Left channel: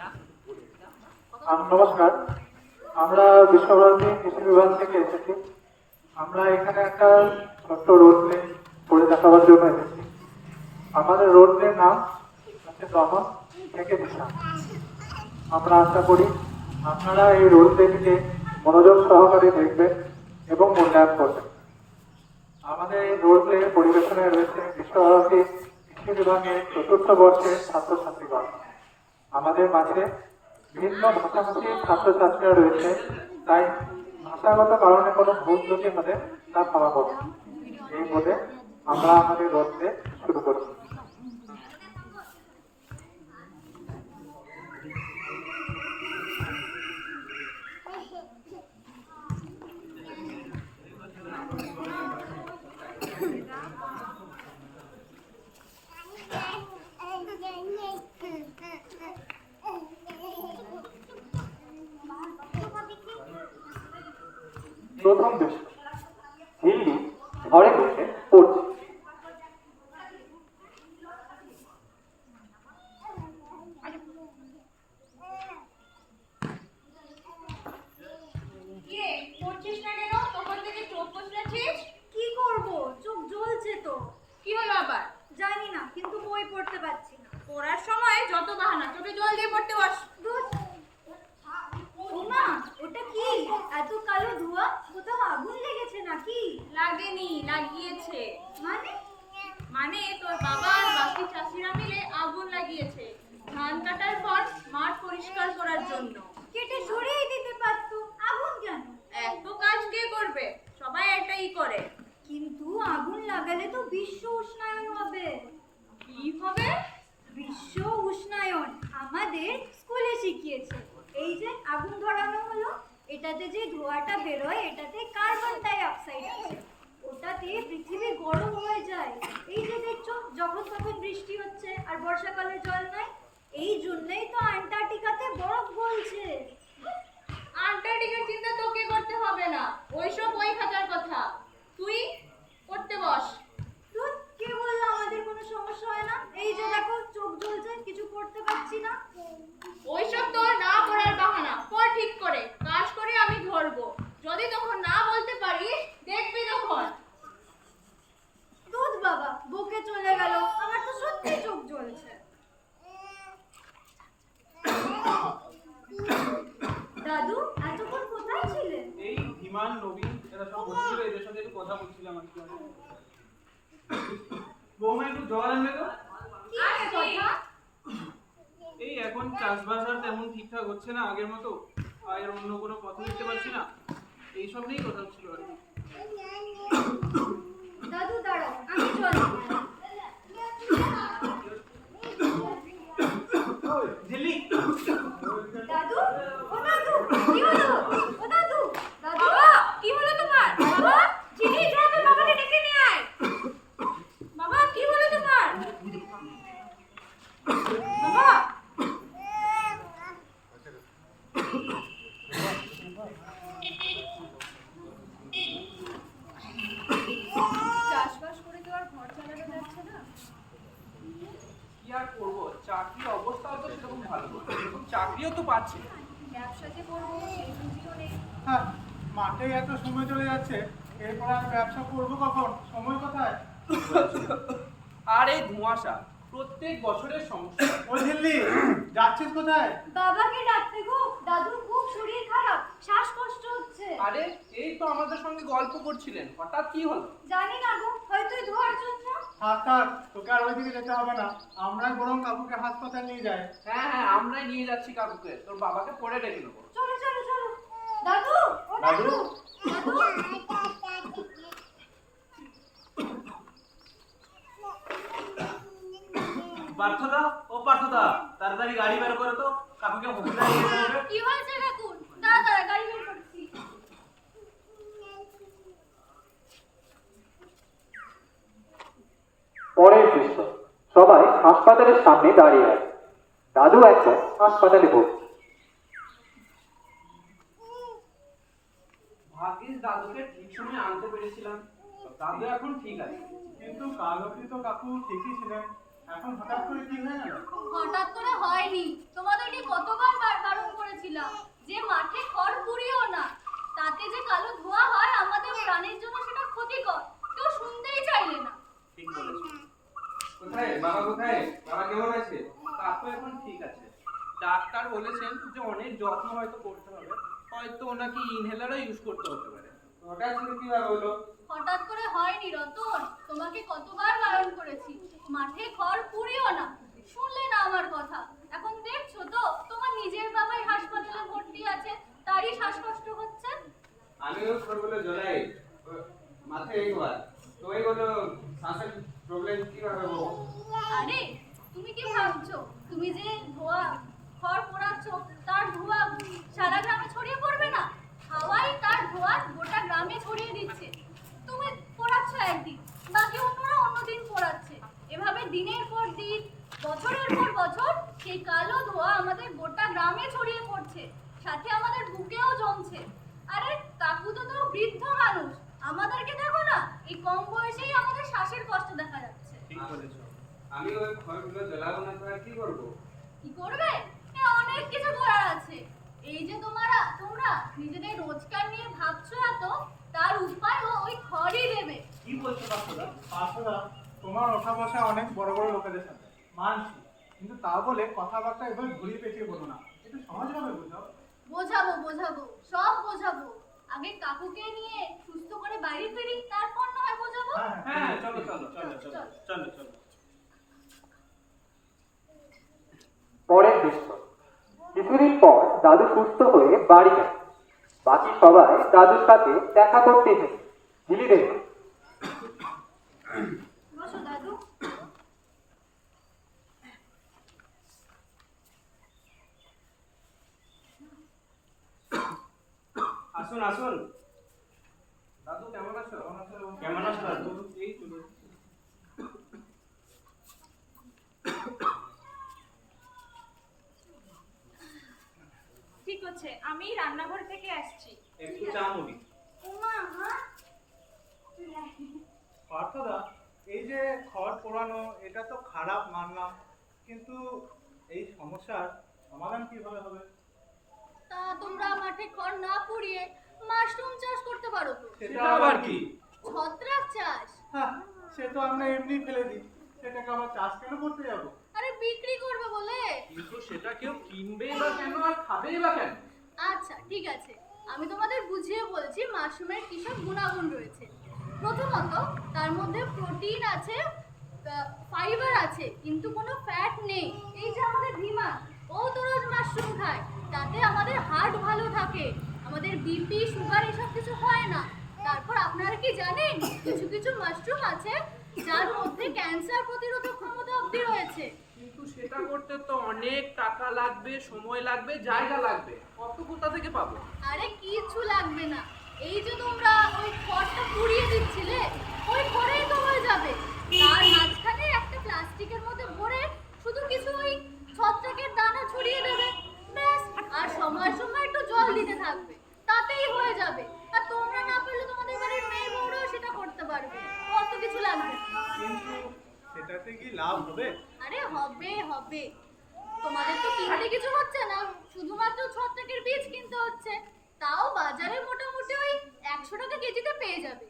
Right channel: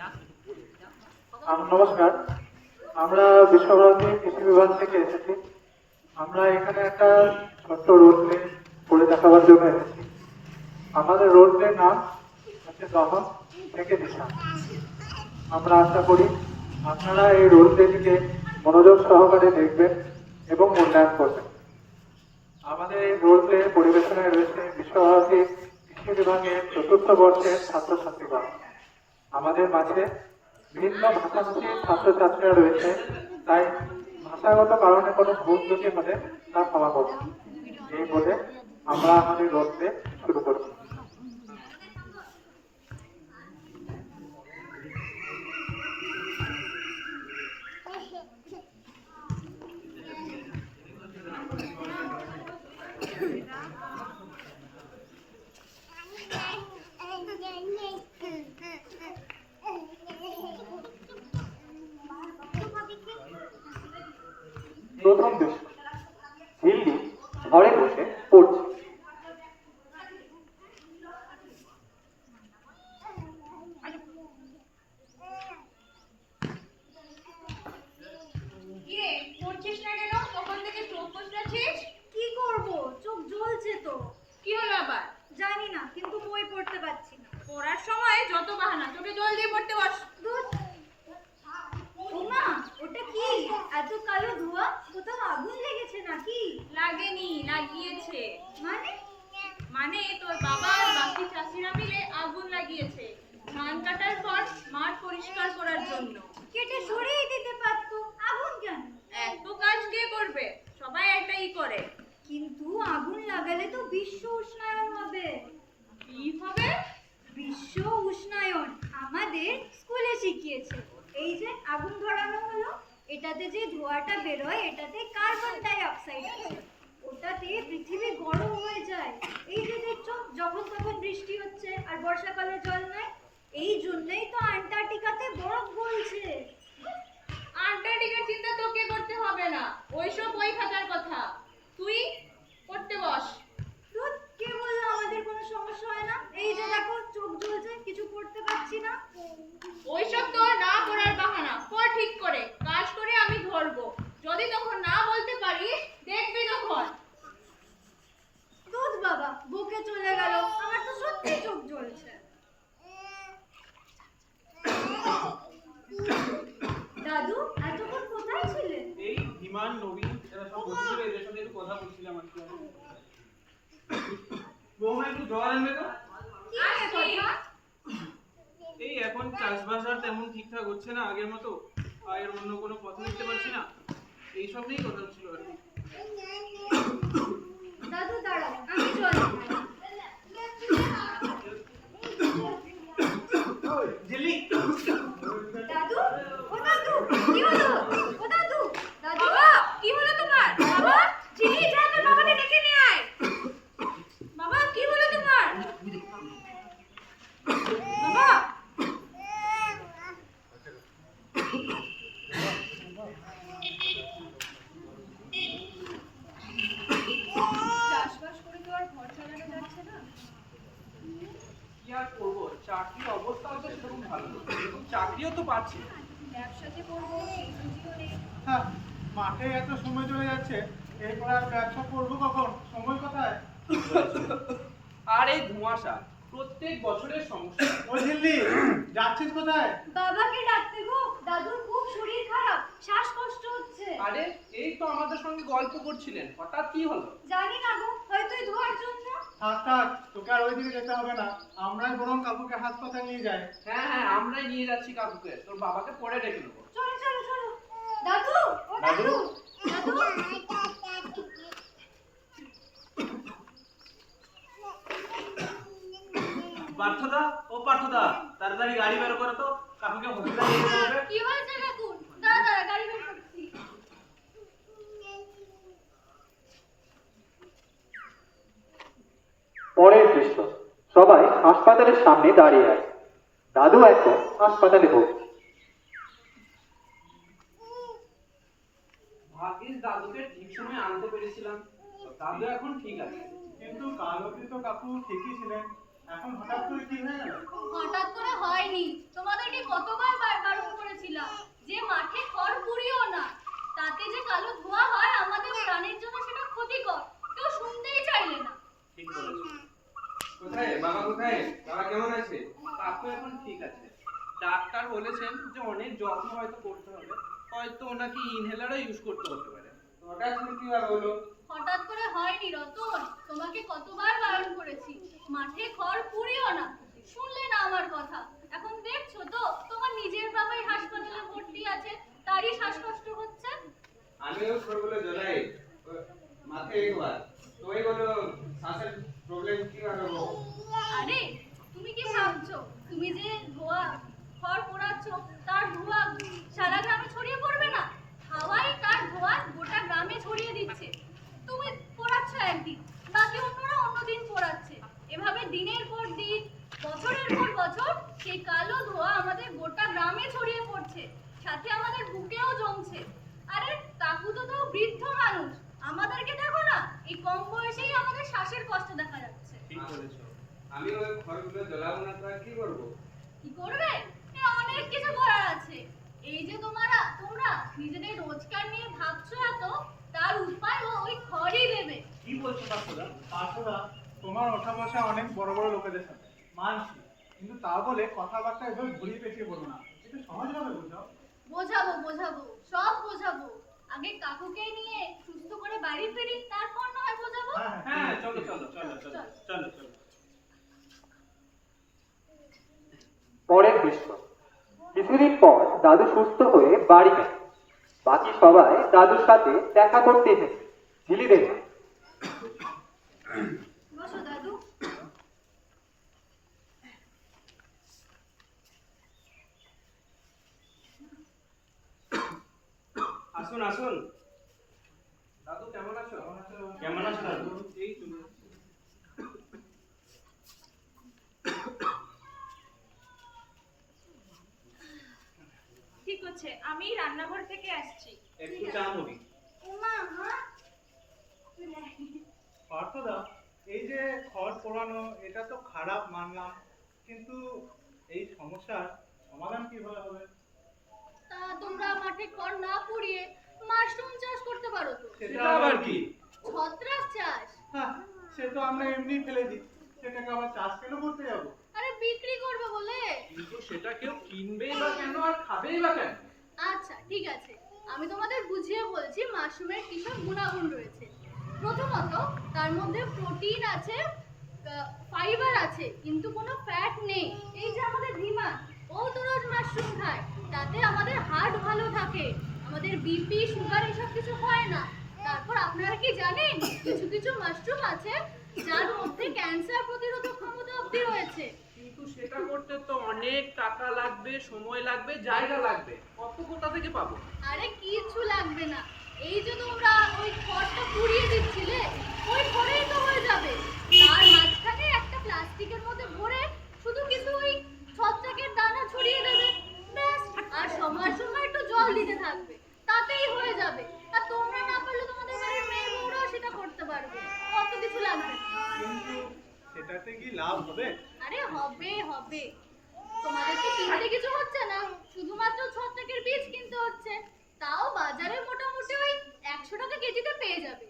আম, নমস্কার। আমরা বিশ্বভারতী কৃষি বিভাগ থেকে এসেছি। আমরা এখানে একটা ছোট্ট রোড প্লে করে দেখাবার জন্য এসেছি। আমাদের রোড প্লের নাম হচ্ছে দমন থেকে দিশা। আমরা আশা করি আপনারা এই রোড প্লেটিকে মনোযোগ সহকারে দেখবেন এবং মূল্যায়ন করবেন। আমাদের এই রোড প্লে পরিবেশনে রয়েছে বিশ্বভারতী কৃষি বিভাগের চতুর্থ বর্ষের ছাত্রছাত্রীগণ। আমাদের মাঝে ভিন্ন ভাষাভাষীর ছাত্রছাত্রীরা রয়েছে। তাই ভাষাগত কারণে কোনো ভুল ত্রুটি হলে তা ক্ষমা করব এই বলে আমরা আমাদের গল্পে শুরু করছি। ঘরে বসে পড়ছে। পড়ছিস না কেন? তখন থেকে চোখ বসলাছিস কি করব? চোখ জ্বলছে তো। কি হলো আবার? জানি না কিন্তু বই পড়তে পারছি না। পড়ার সময় যত বাহানা চোখে জল দিয়ে পড়তে বস। কি? এত কালো ধোঁয়া? কোথাও আগুন লেগেছে নাকি? লাগেনি লাগিয়েছে। মানে? মানে তোর বাবা আর বাকি চাষিরা মিলে আগুন লাগিয়েছে। ধান কাটার পর মাঠ পরিষ্কার করার জন্য। কেটে সরিয়ে দিতে পারতো। আগুন কেন? এত কাজ কে করবে? সবাই এটাই করে। কিন্তু আগুন লাগালে তো বিশ্ব উষ্ণায়ন হবে। কি হবে? বিশ্ব উষ্ণায়ন আমাদের স্কুলে শিখিয়েছে। এই যে আগুন ধরানো হলো এটাতে যে ধোঁয়াটা বেরোয়, এটাতে কার্বন ডাই অক্সাইড আছে। ওটাতে পৃথিবী গরম হয়ে যায়। এই যে দেখছ, যখন তখন বৃষ্টি হচ্ছে আর বর্ষাকালে জল নাই এই জন্যই তো আন্টার্কটিকাতে বরফ গলছে আন্টার্কটিকার চিন্তা তোকে করতে হবে না ওইসব বই খাতার কথা তুই পড়তে বস ধুর, কে বলল আমাদের কোনো সমস্যা হয় না এই যে দেখো চোখ জ্বলছে কিছু করতে পারছি না ওইসব তোর না পড়ার বাহানা পর ঠিক করে কাজ করে আমি ধরবো যদি তখন না বলতে পারিস দেখবি তখন দুধ বাবা বুকে চলে গেল আমার তো সত্যি চোখ জ্বলছে দাদু এতক্ষণ কোথায় ছিলেন এই ধীমান নবীন এরা সব বসেছিল এদের সাথে একটু কথা বলছিলাম আর কি আমি। বৌমা একটু জল আনবে তো? কি নিয়ে কথা? এই এখন চাষবাস আর তেমন ঠিকঠাক হচ্ছে না আগের মতো। আর অন্য কোনো পথ দেখতে পাচ্ছি না। এইসব নিয়েই কথা হচ্ছিল আর কি। দাদু দাঁড়াও আমি জল দাদু ও দাদু কি হলো ও দাদু দাদু বাবা কি হলো তোমার বাবা চিনি যা তোর বাবাকে ডেকে নিয়ে আয় বাবা কি হলো তোমার বাবা চাষবাস করে তো আর ঘর চালানো যাচ্ছে না কি আর করব চাকরির অবস্থাও তো সেরকম ভালো। এবং চাকরিও তো পাচ্ছি। না। ব্যবসা যে করব সেই বুদ্ধিও নেই। হ্যাঁ মাঠে এত সময় চলে যাচ্ছে এরপর আর ব্যবসা করব কখন? সময় কোথায়? আর এই ধোঁয়াশা প্রত্যেক বছরের সমস্যা। ও ঝিল্লি যাচ্ছিস কোথায়? বাবাকে ডাকতে গো দাদুর খুব শরীর খারাপ শ্বাসকষ্ট হচ্ছে। আরে এই তো আমাদের সঙ্গে গল্প করছিলেন হঠাৎ কি হলো? জানি না গো হয়তো ধোয়ার জন্য থাক থাক তোকে আর ওইদিকে যেতে হবে না। আমরাই বরং কাকুকে হাসপাতাল নিয়ে যাই। হ্যাঁ হ্যাঁ আমরাই নিয়ে যাচ্ছি কাকুকে। তোর বাবাকে পরে রেখে দেবো। চলো চলো চলো। দাদু ও দাদু? পার্থদা ও পার্থদা তাড়াতাড়ি গাড়ি বের করে তো কাকুকে হসপিটালে নিয়ে যেতে হবে। কি হয়েছে কাকুর দাদা গাড়ি বের করছি পরের দৃশ্য। সবাই হাসপাতালের সামনে দাঁড়িয়ে আছে। দাদু একটা হাসপাতালে ভর্তি ভাগ্যিস দাদুকে ঠিক সময় আনতে পেরেছিলাম। দাদু এখন ঠিক আছে। কিন্তু কাল তো কাকু ঠিকই ছিলেন। এখন হঠাৎ করে কি হয়ে গেল? হঠাৎ করে হয়নি। তোমাদেরকে কতবার বারণ করেছিলাম যে মাঠে খড় পুড়িও না। তাতে যে কালো ধোঁয়া হয় আমাদের প্রাণের জন্য সেটা ক্ষতিকর। কেউ শুনতেই চাইলে না। ঠিক বলেছ। ডাক্তার বলেছেন যে অনেক যত্ন হয়তো করতে হবে। হয়তো ওনাকে ইনহেলারও ইউজ করতে হতে পারে। হঠাৎ করে কি হলো? হঠাৎ করে হয়নি রতন। তোমাকে কতবার বারণ করেছি। মাঠে খড় পুড়িও না। শুনলে না আমার কথা। এখন দেখছ তো তোমার নিজের বাবাই হাসপাতালে ভর্তি আছে। তারই শ্বাসকষ্ট হচ্ছে। আমিও খড়গুলো জ্বলাই। মাথায় একবার তো এইগুলো শ্বাসের প্রবলেম কীভাবে হব আরে, তুমি কি ভাবছ? তুমি যে ধোয়া খড় পোড়াচ্ছ, তার ধোঁয়া সারা গ্রামে ছড়িয়ে পড়বে না? হাওয়াই তার ধোঁয়া গোটা গ্রামে ছড়িয়ে দিচ্ছে। তুমি পোড়াচ্ছ একদিন, বাকি অন্যরা অন্যদিন পোড়াচ্ছে। এভাবে দিনের পর দিন, বছরের পর বছর, সেই কালো ধোঁয়া আমাদের গোটা গ্রামে ছড়িয়ে পড়ছে। সাথে আমাদের বুকেও জমছে। আরে, কাকু তো তো বৃদ্ধ মানুষ। আমাদেরকে দেখো না এই কম বয়সেই আমাদের শ্বাসের কষ্ট দেখা যাচ্ছে। ঠিক বলেছ। আমি ওই খড়গুলো জ্বলাবো না তো আর কি করব? কি করবে? এ অনেক কিছু করার আছে। এই যে তোমরা তোমরা নিজেদের রোজগার নিয়ে ভাবছ এত তার উপায় ও ওই খড়ই দেবে। কি বলছো পার্থদা পার্থদা তোমার ওঠা বসা অনেক বড় বড় লোকেদের সাথে। মানছি। কিন্তু তা বলে কথাবার্তা এভাবে ঘুরিয়ে পেঁচিয়ে বলো না। একটু সহজভাবে বুঝাও। বোঝাবো বোঝাবো সব বোঝাবো। আগে কাকুকে নিয়ে সুস্থ করে বাড়ি ফিরি তারপর না হয় বোঝাবো? হ্যাঁ হ্যাঁ চলো চলো চলো চলো চলো চলো। পরের দৃশ্য কিছুদিন পর দাদু সুস্থ হয়ে বাড়ি গেল বাকি সবাই দাদুর সাথে দেখা করতে এসেছে। ঝিলি দেখে বসো দাদু আসুন আসুন। দাদু কেমন আছো? কেমন আছো? দাদু? এই ঠিক আছে আমি রান্নাঘর থেকে আসছি। একটু চা মুড়ি। উমা হ্যাঁ পার্থদা এই যে খড় পোড়ানো এটা তো খারাপ মানলাম কিন্তু এই সমস্যার সমাধান কীভাবে হবে? তা তোমরা মাঠে খড় না পুড়িয়ে মাশরুম চাষ করতে পারো তো। সেটা আবার কি? ছত্রাক চাষ? হ্যাঁ সে তো আমরা এমনি ফেলে দিই। সেটাকে আবার চাষ কেন করতে যাব? আরে বিক্রি করবে বলে। কিন্তু সেটা কেউ কিনবেই বা কেন আর খাবেই বা কেন? আচ্ছা ঠিক আছে। আমি তোমাদের বুঝিয়ে বলছি মাশরুমের কিসব গুণাগুণ রয়েছে। প্রথমত তার মধ্যে প্রোটিন আছে ফাইবার আছে কিন্তু কোনো ফ্যাট নেই। এই যে আমাদের ধীমান ও তো রোজ মাশরুম খায়। তাতে আমাদের হার্ট ভালো থাকে। আমাদের বিপি সুগার এসব কিছু হয় না। তারপর আপনারা কি জানেন? কিছু কিছু মাশরুম আছে যার মধ্যে ক্যান্সার প্রতিরোধক ক্ষমতা অবধি রয়েছে। কিন্তু সেটা করতে তো অনেক টাকা লাগবে সময় লাগবে জায়গা লাগবে। কত কোথা থেকে পাবো? আরে কিচ্ছু লাগবে না। এই যে তোমরা ওই খড়টা পুড়িয়ে দিচ্ছিলে ওই খড়েই তো হয়ে যাবে। তার মাঝখানে একটা প্লাস্টিকের মধ্যে ভরে শুধু কিছু ওই ছত্রাকের দানা ছড়িয়ে দেবে। ব্যাস আর সময় সময় একটু জল দিতে থাকবে। তাতেই হয়ে যাবে। আর তোমরা না পারলে তোমাদের বাড়ির মেয়ে বউরাও সেটা করতে পারবে। অত কিছু লাগবে কিন্তু সেটাতে কি লাভ হবে? আরে হবে হবে। তোমাদের তো কিনতে কিছু হচ্ছে না? শুধুমাত্র ছত্রাকের বীজ কিনতে হচ্ছে। তাও বাজারে মোটামুটি ওই একশো টাকা কেজিতে পেয়ে যাবে।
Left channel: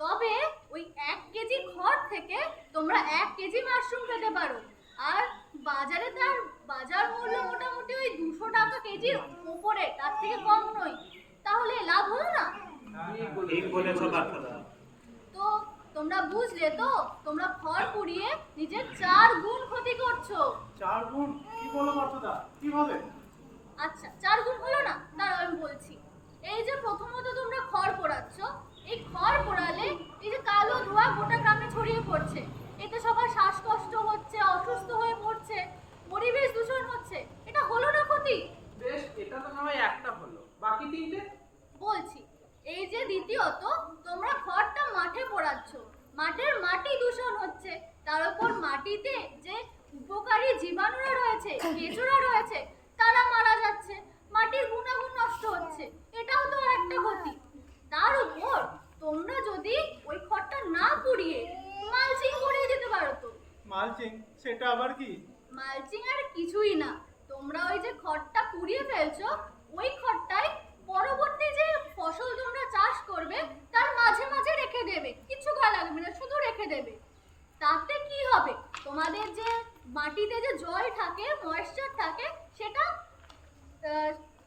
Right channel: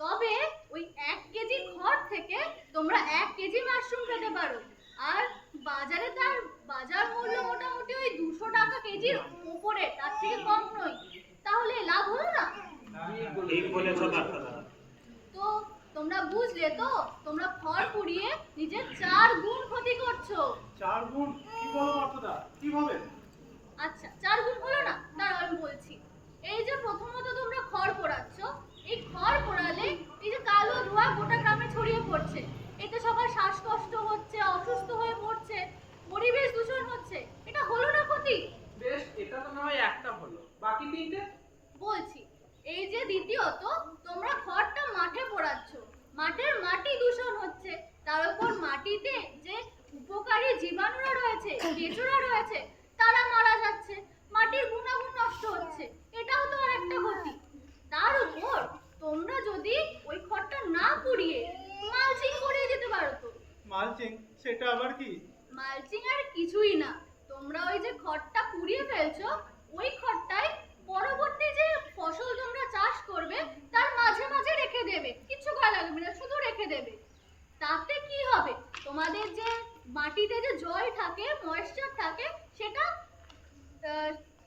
তবে ওই এক কেজি খড় থেকে তোমরা এক কেজি মাশরুম পেতে পারো। আর বাজারে তার বাজার মূল্য মোটামুটি ওই দুশো টাকা কেজির উপরে তার থেকে কম নয়। তাহলে লাভ হলো না? ঠিক বলেছ পার্থদা তো তোমরা বুঝলে তো? তোমরা খড় পুড়িয়ে নিজের চার গুণ ক্ষতি করছ। চার গুণ? কি বলো পার্থদা কীভাবে? আচ্ছা চার গুণ হলো না? দাঁড়াও আমি বলছি। এই যে প্রথমত তোমরা খড় পোড়াচ্ছ এই খড় পোড়ালে এই যে কালো ধোঁয়া গোটা গ্রামে ছড়িয়ে পড়ছে এতে সবার শ্বাসকষ্ট হচ্ছে অসুস্থ হয়ে পড়ছে পরিবেশ দূষণ হচ্ছে এটা হলো না ক্ষতি বেশ এটা তো না হয় একটা হলো বাকি তিনটে বলছি এই যে দ্বিতীয়ত তোমরা খড়টা মাঠে পোড়াচ্ছ মাঠের মাটি দূষণ হচ্ছে তার উপর মাটিতে যে উপকারী জীবাণুরা রয়েছে কেঁচোরা রয়েছে তারা মারা যাচ্ছে মাটির গুণাগুণ নষ্ট হচ্ছে এটাও তো একটা ক্ষতি। তার উপর তোমরা যদি ওই খড়টা না পুড়িয়ে মালচিং করিয়ে দিতে পারো তো। মালচিং সেটা আবার কি? মালচিং আর কিছুই না। তোমরা ওই যে খড়টা পুড়িয়ে ফেলছো ওই খড়টাই পরবর্তী যে ফসল তোমরা চাষ করবে তার মাঝে মাঝে রেখে দেবে। কিছু করা লাগবে না শুধু রেখে দেবে। তাতে কি হবে? তোমাদের যে মাটিতে যে জল থাকে ময়েশ্চার থাকে সেটা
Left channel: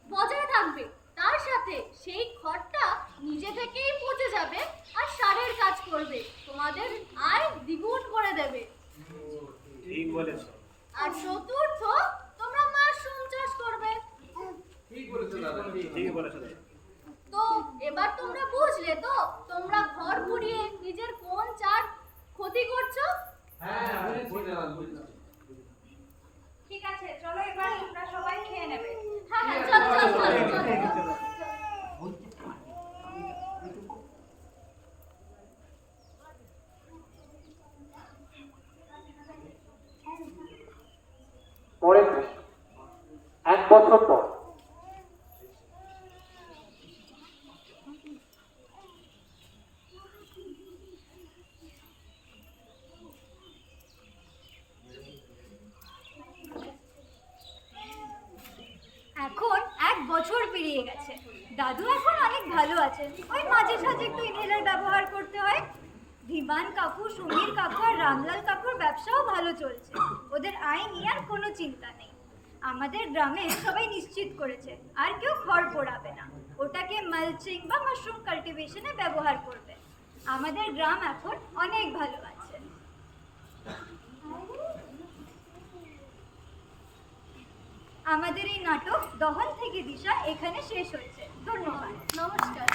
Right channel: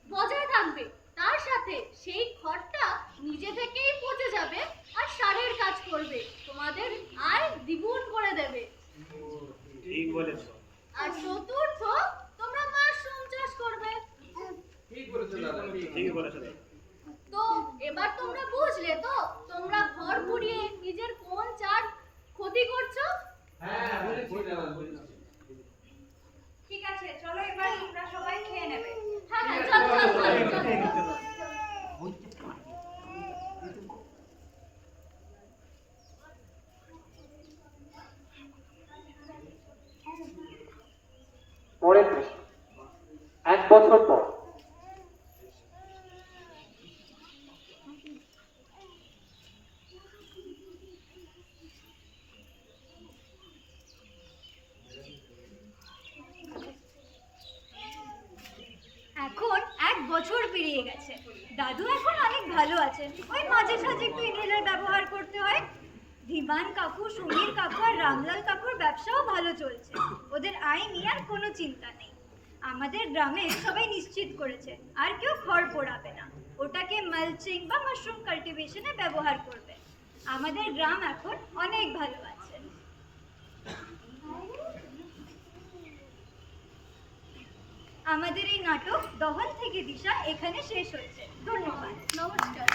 বজায় থাকবে। তার সাথে সেই খড়টা নিজে থেকেই পচে যাবে আর সারের কাজ করবে। তোমাদের আয় দ্বিগুণ করে দেবে। ঠিক বলেছ। আর চতুর্থ তোমরা মাশরুম চাষ করবে। ঠিক বলেছ দাদা। ঠিক বলেছ তো এবার তোমরা বুঝলে তো তোমরা ঘর পুড়িয়ে নিজের কোন চার ক্ষতি করছ? হ্যাঁ বুঝেছি দাদা বুঝেছি ঠিক আছে চলো এবার তোমরা সবাই খেয়ে নেবে। হ্যাঁ হ্যাঁ চলো চলো চলো চলো পরের দৃশ্য এক বছর পর এখন এক বছর পেরিয়ে গেছে। দাদু এখন অনেক ভালো আছেন। ওই মাঝে সাঝে একটু ইনহেলার ব্যবহার করতে হয়। ধীমান কাকু, সমীর কাকু আর রামলাল কাকুর ব্যবসাও ভালো চলছে। ওদের আয় নিয়ে আর কোনো চিন্তা নেই। আমাদের গ্রামে সবাই নিশ্চিত করেছে, আর কেউ খড় পোড়াবে না। ওটাকে মালচিং বা মাশরুম কাল্টিভেশনে ব্যবহার করবে। আমাদের গ্রাম এখন অনেক ভালো আছে। আমাদের এই নাটক দহন থেকে দিশা এখানে শেষ হচ্ছে। ধন্যবাদ। নমস্কার।